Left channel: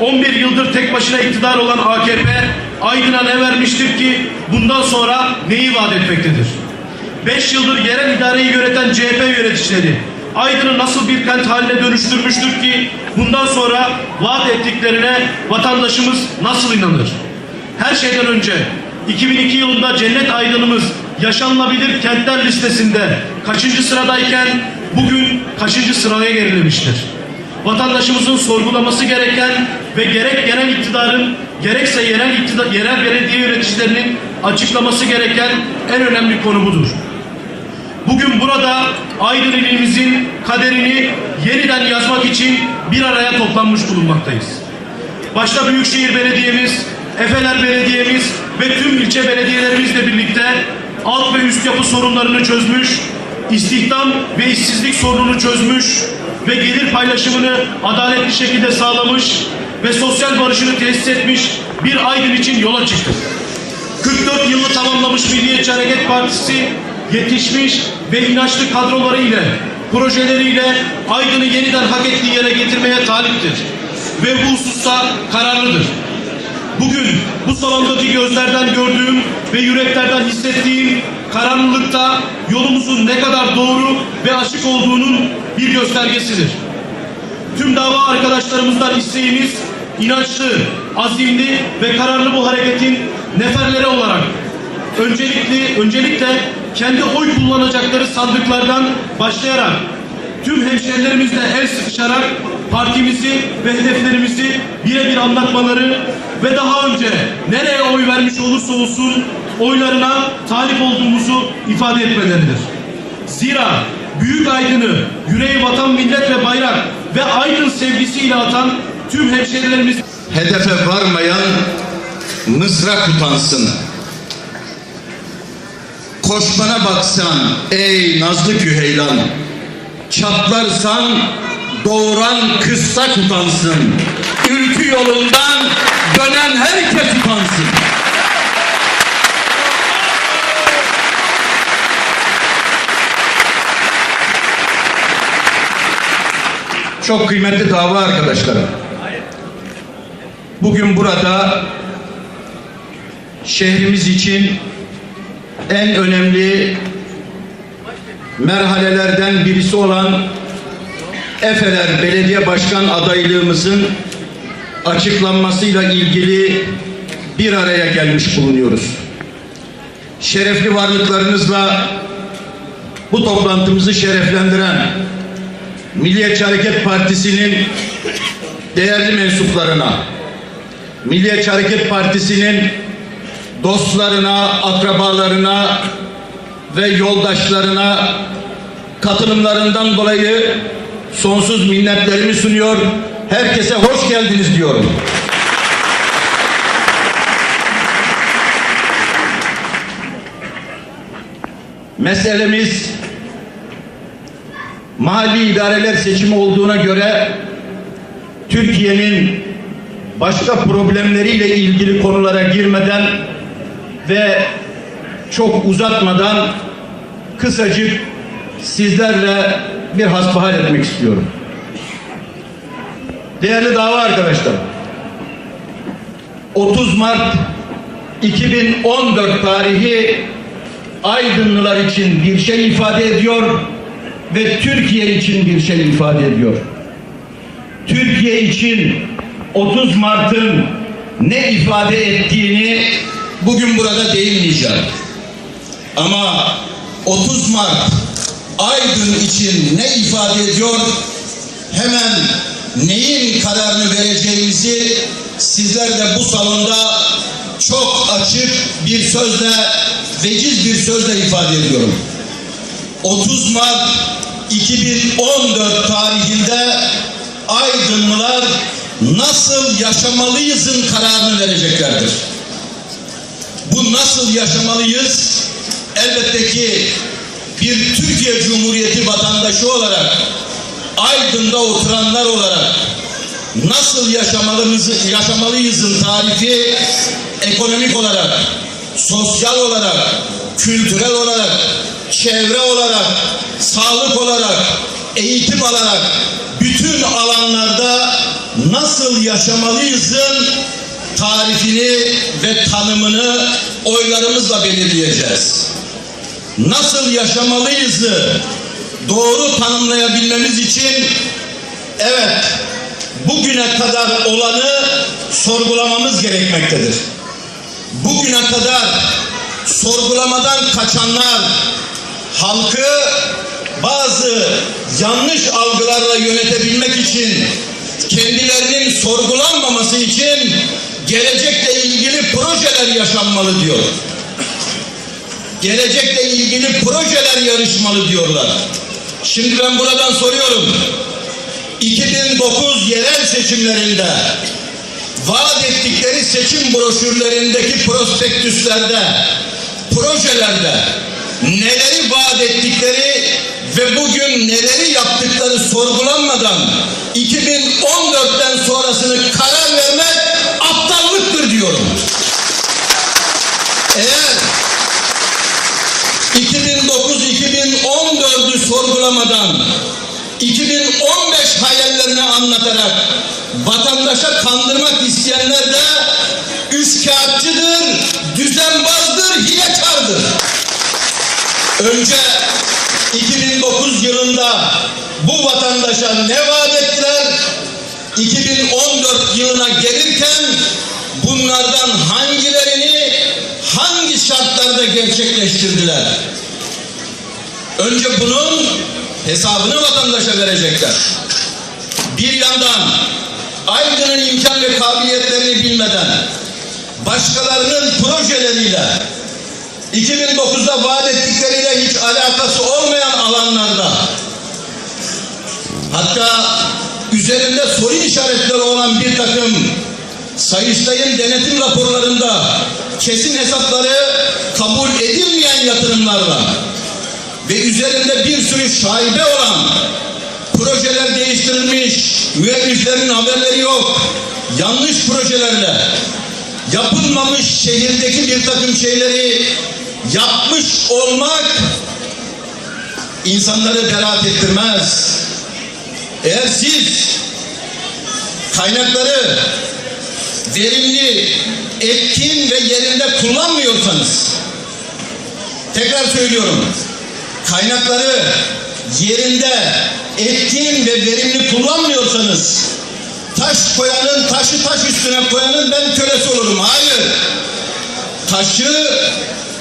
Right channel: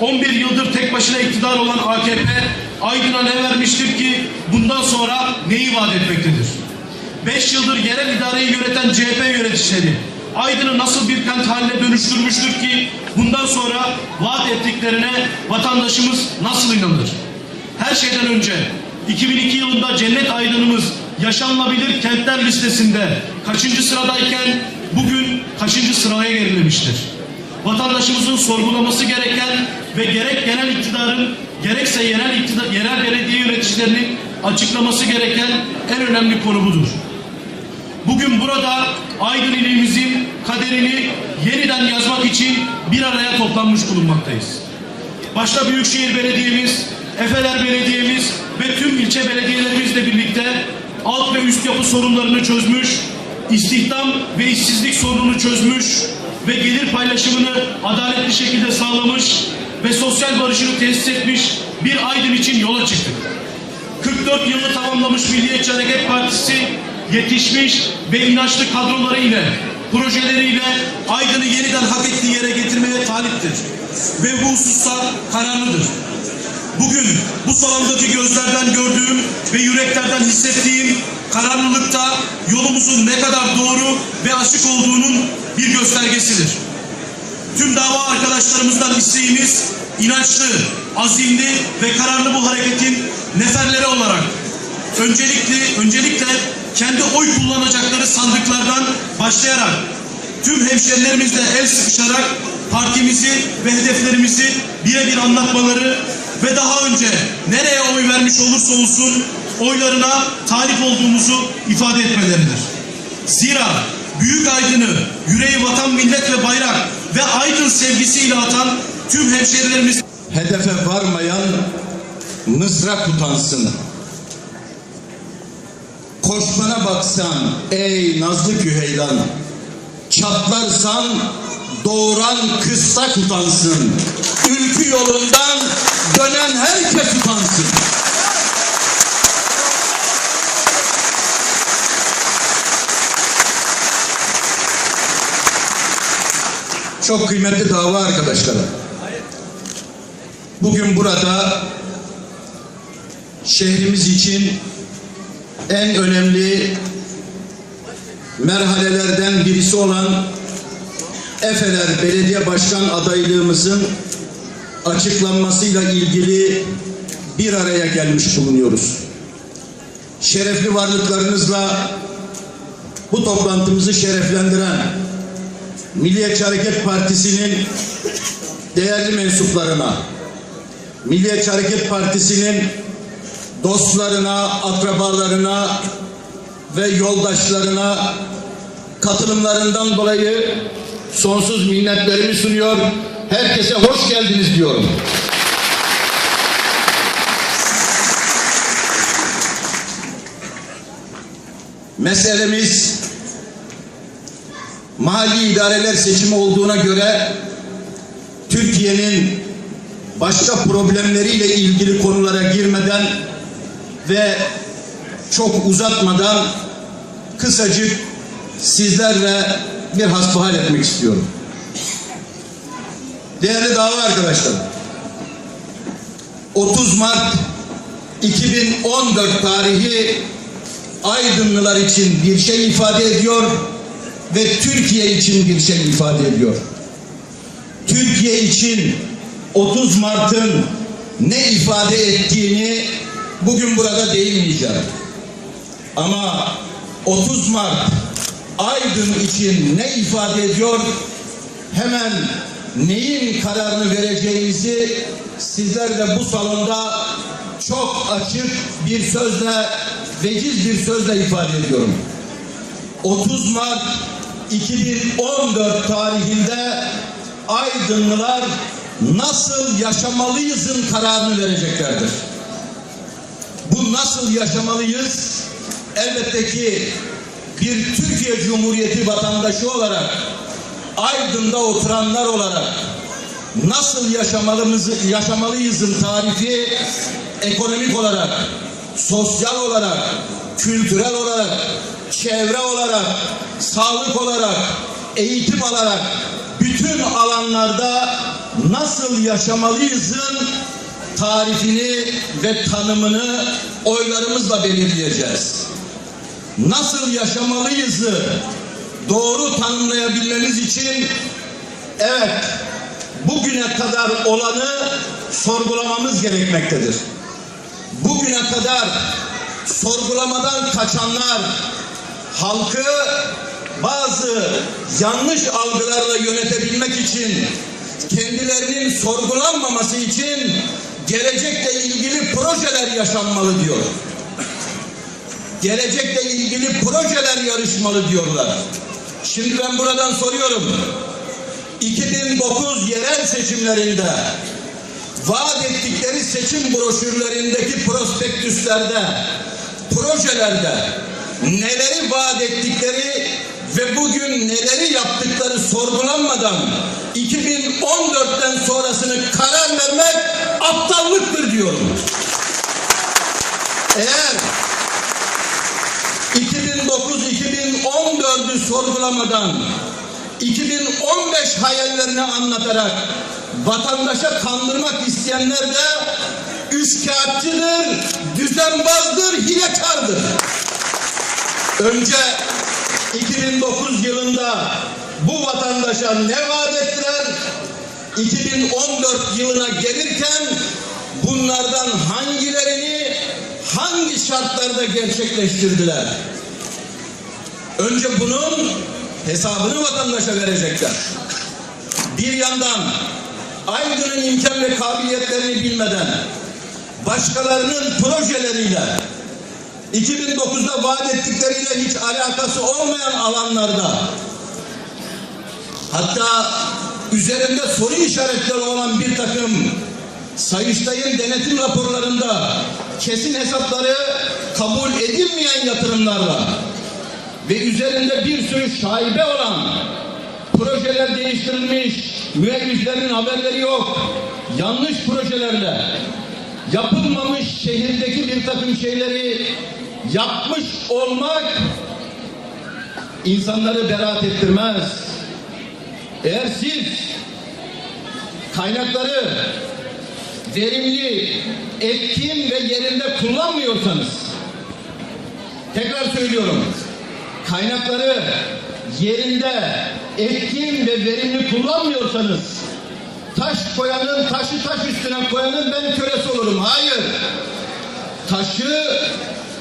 11 yıldır tek başına iktidar olan AKP Aydın'a ne vermiştir ki bundan sonra neyi vaat etmektedir? 5 yıldır yerel idareyi yöneten CHP yöneticileri Aydın'ı nasıl bir kent haline dönüştürmüştür ki bundan sonra vaat ettiklerine vatandaşımız nasıl inanır? Her şeyden önce 2002 yılında Cennet Aydın'ımız yaşanılabilir kentler listesinde kaçıncı sıradayken bugün kaçıncı sıraya gerilemiştir? Vatandaşımızın sorgulaması gereken ve gerek genel iktidarın gerekse yerel iktidar, yerel belediye yöneticilerinin açıklaması gereken en önemli konu budur. Bugün burada Aydın ilimizin kaderini yeniden yazmak için bir araya toplanmış bulunmaktayız. Başta Büyükşehir Belediye'miz, Efeler Belediye'miz ve tüm ilçe belediyelerimizle birlikte alt ve üst yapı sorunlarını çözmüş, istihdam ve işsizlik sorununu çözmüş ve gelir paylaşımını adaletli şekilde sağlamış ve sosyal barışını tesis etmiş bir Aydın için yola çıktık. 44 yılı tamamlamış Milliyetçi Hareket Partisi yetişmiş ve inançlı kadroları ile projeleriyle Aydın'ı yeniden hak ettiği yere getirmeye taliptir. Ve bu hususta kararlıdır. Bugün bu salondaki gözlerden gördüğüm ve yüreklerden hissettiğim kararlılıkta yolumuzun ne kadar doğru ve açık olduğunun bir göstergesidir. Tüm dava arkadaşlarımızdan isteğimiz inançlı, azimli ve kararlı bu hareketin neferleri olarak öncelikli öncelikle kendi oy kullanacakları sandıklardan başlayarak tüm hemşerilerimizle el sıkışarak partimizi ve hedeflerimizi birebir anlatmaları ve daha önce nereye oy vermiş olursa olsun oylarına talip olduğumuzu ifade etmeleridir. Zira Büyük Aydın'ı yüreği vatan, millet ve bayrak ve Aydın sevgisiyle atan tüm hemşerilerimiz Hedefe varmayan mızrak utansın. Koşmana baksan ey nazlı küheylan. Çatlarsan doğuran kıssak utansın. Ülkü yolundan dönen herkes utansın. Çok kıymetli dava arkadaşlarım. Bugün burada şehrimiz için en önemli merhalelerden birisi olan Efeler Belediye Başkan adaylığımızın açıklanmasıyla ilgili bir araya gelmiş bulunuyoruz. Şerefli varlıklarınızla bu toplantımızı şereflendiren Milliyetçi Hareket Partisi'nin değerli mensuplarına, Milliyetçi Hareket Partisi'nin dostlarına, akrabalarına ve yoldaşlarına katılımlarından dolayı sonsuz minnetlerimi sunuyor. Herkese hoş geldiniz diyorum. Meselemiz mahalli idareler seçimi olduğuna göre Türkiye'nin başka problemleriyle ilgili konulara girmeden ve çok uzatmadan kısacık sizlerle bir hasbihal etmek istiyorum. Değerli dava arkadaşlar, 30 Mart 2014 tarihi Aydınlılar için bir şey ifade ediyor ve Türkiye için bir şey ifade ediyor. Türkiye için 30 Mart'ın ne ifade ettiğini bugün burada değinmeyeceğim. Ama 30 Mart Aydın için ne ifade ediyor? Hemen neyin kararını vereceğimizi sizler de bu salonda çok açık bir sözle, veciz bir sözle ifade ediyorum. 30 Mart 2014 tarihinde Aydınlılar nasıl yaşamalıyızın kararını vereceklerdir. Bu nasıl yaşamalıyız? Elbette ki bir Türkiye Cumhuriyeti vatandaşı olarak Aydın'da oturanlar olarak nasıl yaşamalımızı, yaşamalıyızın tarifi ekonomik olarak, sosyal olarak, kültürel olarak, çevre olarak, sağlık olarak, eğitim alarak bütün alanlarda nasıl yaşamalıyızın tarifini ve tanımını oylarımızla belirleyeceğiz. Nasıl yaşamalıyızı doğru tanımlayabilmemiz için evet bugüne kadar olanı sorgulamamız gerekmektedir. Bugüne kadar sorgulamadan kaçanlar halkı bazı yanlış algılarla yönetebilmek için kendilerinin sorgulanmaması için gelecekle ilgili projeler yaşanmalı diyor. Gelecekle ilgili projeler yarışmalı diyorlar. Şimdi ben buradan soruyorum. 2009 yerel seçimlerinde vaat ettikleri seçim broşürlerindeki prospektüslerde, projelerde neleri vaat ettikleri ve bugün neleri yaptıkları sorgulanmadan 2014'ten sonrasını karar vermek aptallıktır diyorum. Eğer 2009-2014'ü sorgulamadan 2015 hayallerini anlatarak vatandaşa kandırmak isteyenler de üçkağıtçıdır, düzenbazdır, hilekardır. Önce 2009 yılında bu vatandaşa ne vaat ettiler? 2014 yılına gelirken bunlardan hangilerini hangi şartlarda gerçekleştirdiler? Önce bunun hesabını vatandaşa verecekler. Bir yandan Aydın'ın imkan ve kabiliyetlerini bilmeden başkalarının projeleriyle 2009'da vaat ettikleriyle hiç alakası olmayan alanlarda hatta üzerinde soru işaretleri olan bir takım Sayıştay'ın denetim raporlarında kesin hesapları kabul edilmeyen yatırımlarla ve üzerinde bir sürü şaibe olan projeler değiştirilmiş, müelliflerin haberleri yok, yanlış projelerle yapılmamış şehirdeki bir takım şeyleri yapmış olmak insanları beraat ettirmez. Eğer siz kaynakları verimli, etkin ve yerinde kullanmıyorsanız tekrar söylüyorum kaynakları yerinde etkin ve verimli kullanmıyorsanız taş koyanın taşı taş üstüne koyanın ben kölesi olurum. Hayır. Taşı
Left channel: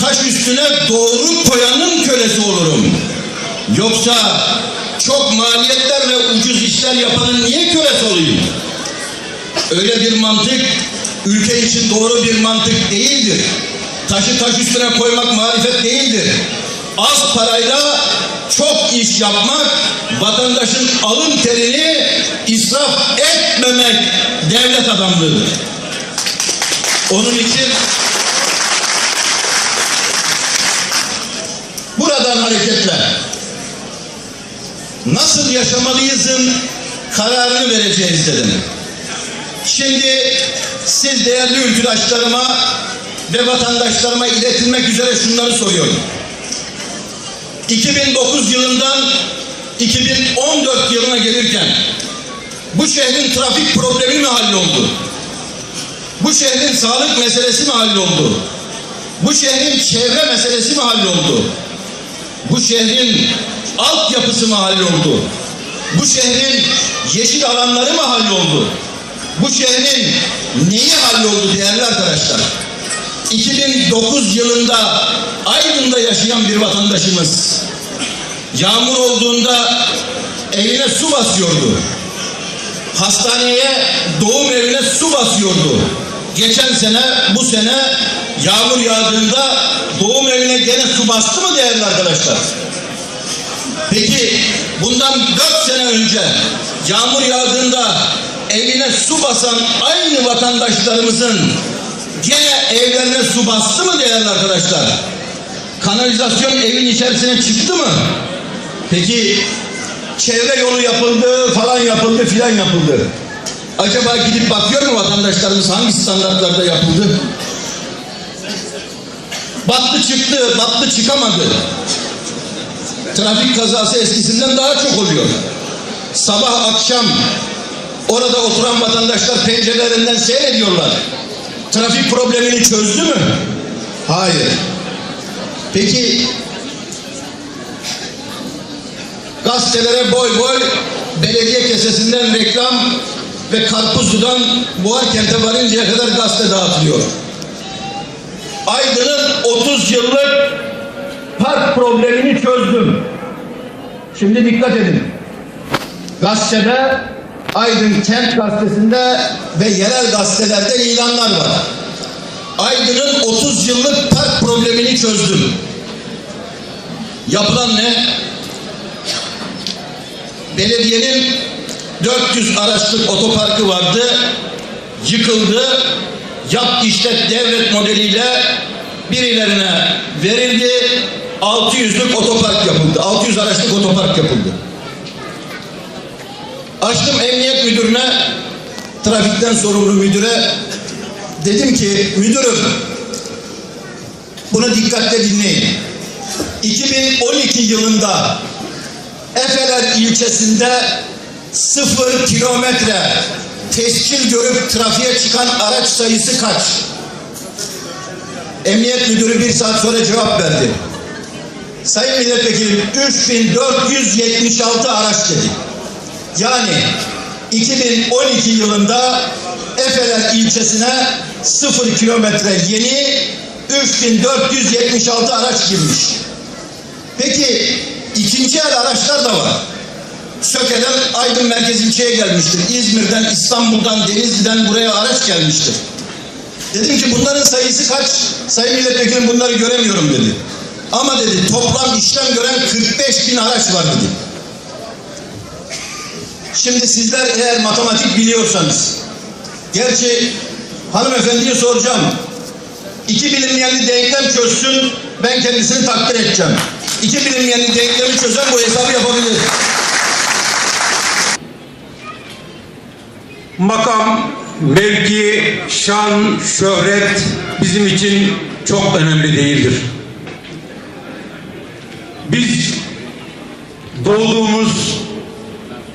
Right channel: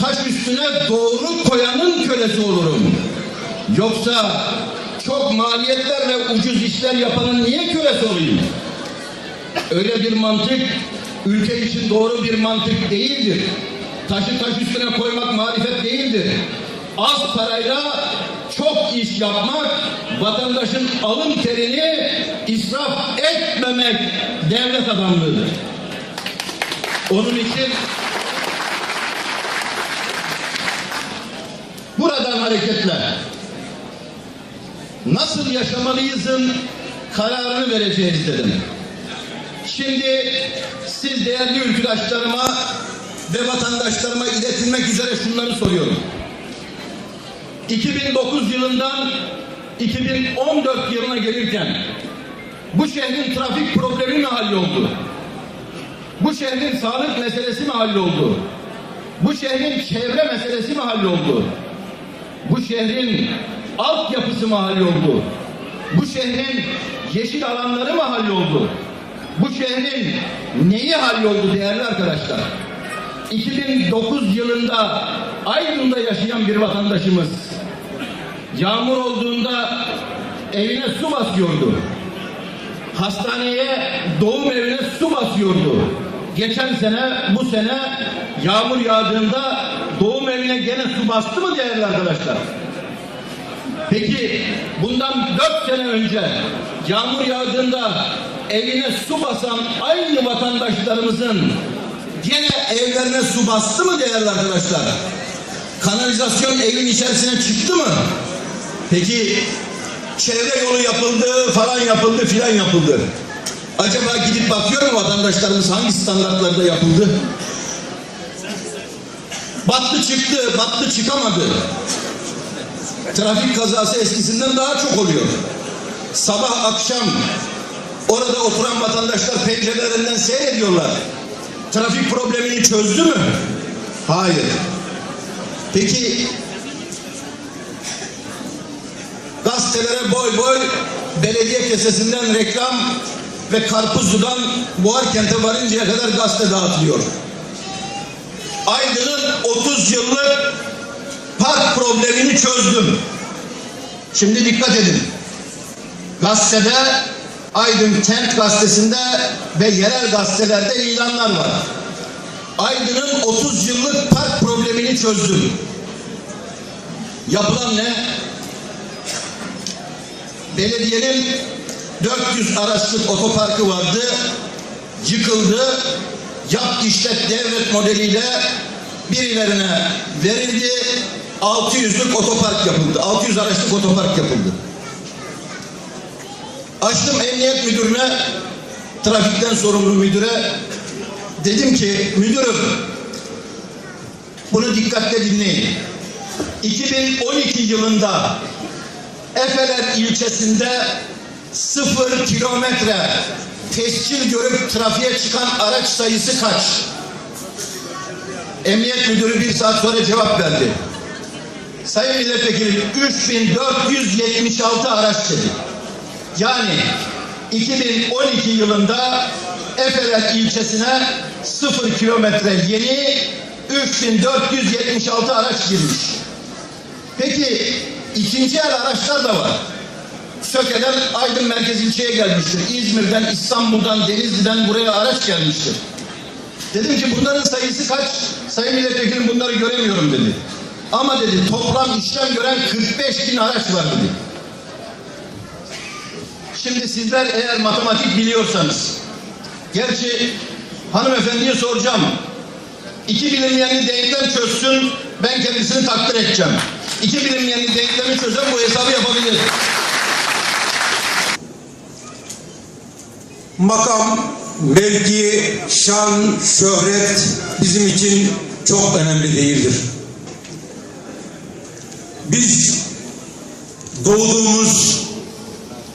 taş üstüne doğru koyanın kölesi olurum. Yoksa çok maliyetlerle ucuz işler yapanın niye kölesi olayım? Öyle bir mantık ülke için doğru bir mantık değildir. Taşı taş üstüne koymak marifet değildir. Az parayla çok iş yapmak, vatandaşın alın terini israf etmemek devlet adamlığıdır. Onun için buradan hareketle nasıl yaşamalıyızın kararını vereceğiz dedim. Şimdi siz değerli ülküdaşlarıma ve vatandaşlarıma iletilmek üzere şunları soruyorum. 2009 yılından 2014 yılına gelirken bu şehrin trafik problemi mi halloldu? Bu şehrin sağlık meselesi mi halloldu? Bu şehrin çevre meselesi mi halloldu? Bu şehrin altyapısı mı halloldu? Bu şehrin yeşil alanları mı halloldu? Bu şehrin neyi halloldu değerli arkadaşlar? 2009 yılında Aydın'da yaşayan bir vatandaşımız yağmur olduğunda evine su basıyordu. Hastaneye, doğum evine su basıyordu. Geçen sene, bu sene yağmur yağdığında doğum evine gene su bastı mı değerli arkadaşlar? Peki bundan dört sene önce yağmur yağdığında evine su basan aynı vatandaşlarımızın gene evlerine su bastı mı değerli arkadaşlar? Kanalizasyon evin içerisine çıktı mı? Peki çevre yolu yapıldı, falan yapıldı, filan yapıldı. Acaba gidip bakıyor mu vatandaşlarımız hangi standartlarda yapıldı? Battı çıktı, battı çıkamadı. Trafik kazası eskisinden daha çok oluyor. Sabah akşam Orada oturan vatandaşlar pencerelerinden seyrediyorlar. Trafik problemini çözdü mü? Hayır. Peki gazetelere boy boy belediye kesesinden reklam ve Karpuzlu'dan Buharkent'e varıncaya kadar gazete dağıtılıyor. Aydın'ın 30 yıllık park problemini çözdüm. Şimdi dikkat edin. Gazetede Aydın Kent Gazetesi'nde ve yerel gazetelerde ilanlar var. Aydın'ın 30 yıllık park problemini çözdüm. Yapılan ne? Belediyenin 400 araçlık otoparkı vardı. Yıkıldı. Yap işlet devlet modeliyle birilerine verildi. 600'lük otopark yapıldı. 600 araçlık otopark yapıldı. Açtım emniyet müdürüne, trafikten sorumlu müdüre. Dedim ki müdürüm bunu dikkatle dinleyin. 2012 yılında Efeler ilçesinde sıfır kilometre tescil görüp trafiğe çıkan araç sayısı kaç? Emniyet müdürü bir saat sonra cevap verdi. Sayın milletvekilim 3476 araç dedi. Yani 2012 yılında Efeler ilçesine sıfır kilometre yeni 3476 araç girmiş. Peki ikinci el araçlar da var. Söke'den Aydın Merkez ilçeye gelmiştir. İzmir'den, İstanbul'dan, Denizli'den buraya araç gelmiştir. Dedim ki bunların sayısı kaç? Sayın Milletvekilim bunları göremiyorum dedi. Ama dedi toplam işlem gören 45 bin araç var dedi. Şimdi sizler eğer matematik biliyorsanız, gerçi hanımefendiye soracağım. İki bilinmeyenli denklem çözsün, ben kendisini takdir edeceğim. İki bilinmeyenli denklemi çözen bu hesabı yapabilir. Makam, mevki, şan, şöhret bizim için çok önemli değildir. Biz doğduğumuz,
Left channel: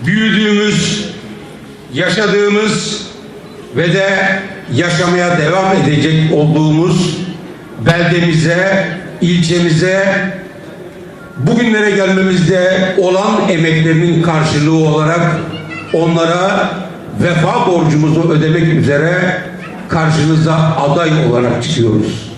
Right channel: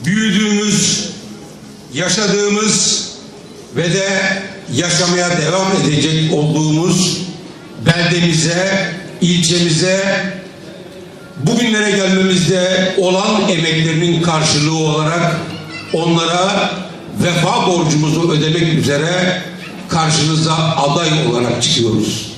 büyüdüğümüz, yaşadığımız ve de yaşamaya devam edecek olduğumuz beldemize, ilçemize bugünlere gelmemizde olan emeklerinin karşılığı olarak onlara vefa borcumuzu ödemek üzere karşınıza aday olarak çıkıyoruz.